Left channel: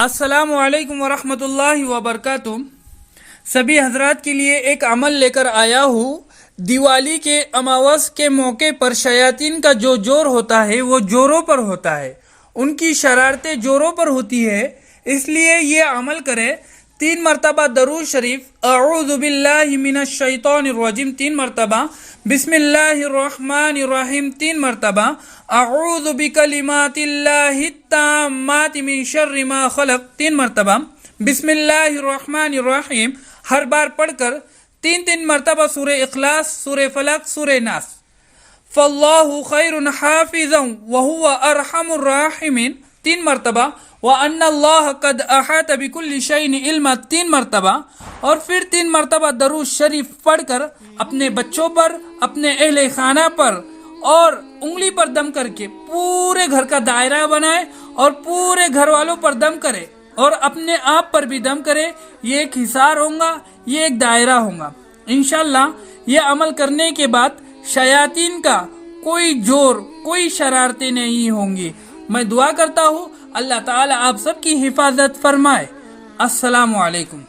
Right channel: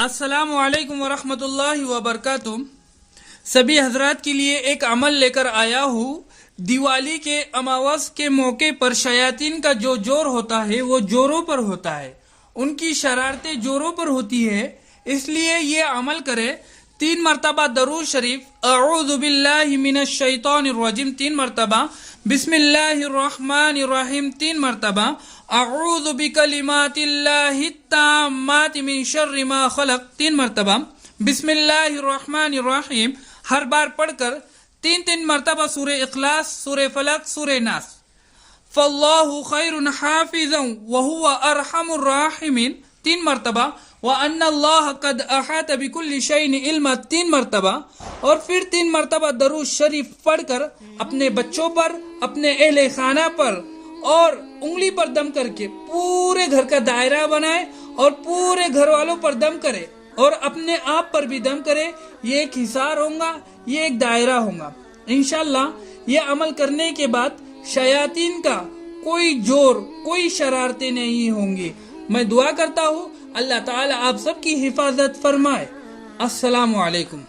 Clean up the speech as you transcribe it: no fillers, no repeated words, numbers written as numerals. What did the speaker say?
السلام علیکم ورحمۃ اللہ وبرکاتہ۔ سبھی حضرات کے لیے ایک عمل لے کر آیا ہوں۔ دیوالی کے اماوس کے موقع پر شیاطین کا جو جور ہوتا ہے وہ جوروں پر ہوتا ہے، ان کی شرارتیں جوروں پر ہوتی ہے، اس لیے یہ عمل کرے۔ 3 مرتبہ درود شریف اعوذ باللہ من الشیطان الرجیم 3 مرتبہ، بسم اللہ الرحمن الرحیم 3 مرتبہ، اعوذ بکلمات اللہ التامات من شر ما خلق 3 مرتبہ، بسم اللہ الرحمن الرحیم ہر بار پڑھ کر 3 مرتبہ سورہ اخلاص، سورہ فلق، سورہ ناس۔ فاللہ خیر حافظا وہو ارحم الراحمین 3 مرتبہ، وَأَنَّ اللَّهَ قَدْ أَحَاطَ بِكُلِّ شَيْءٍ عِلْمًا 3 مرتبہ، اور پھر 3 مرتبہ درود شریف پڑھ کر اپنے بچوں پر، اپنے اہل خانہ پر اور انگلی پر دم کر کے پورے گھر کا دائرہ بنائے اور پورے گھر والوں پر دم کرے اور اپنے آپ پر بھی دم کرے۔ یہ ایک حصار ہوگا، یہ ایک دائرہ ہوگا۔ انشاءاللہ یہ عمل کرنے کے بعد شیاطین کا کوئی جور، کوئی شرارتیں نہیں ہوں گی۔ میں دعا کرتا ہوں اللہ تعالی آپ سب کی حفاظت فرمائے۔ السلام علیکم۔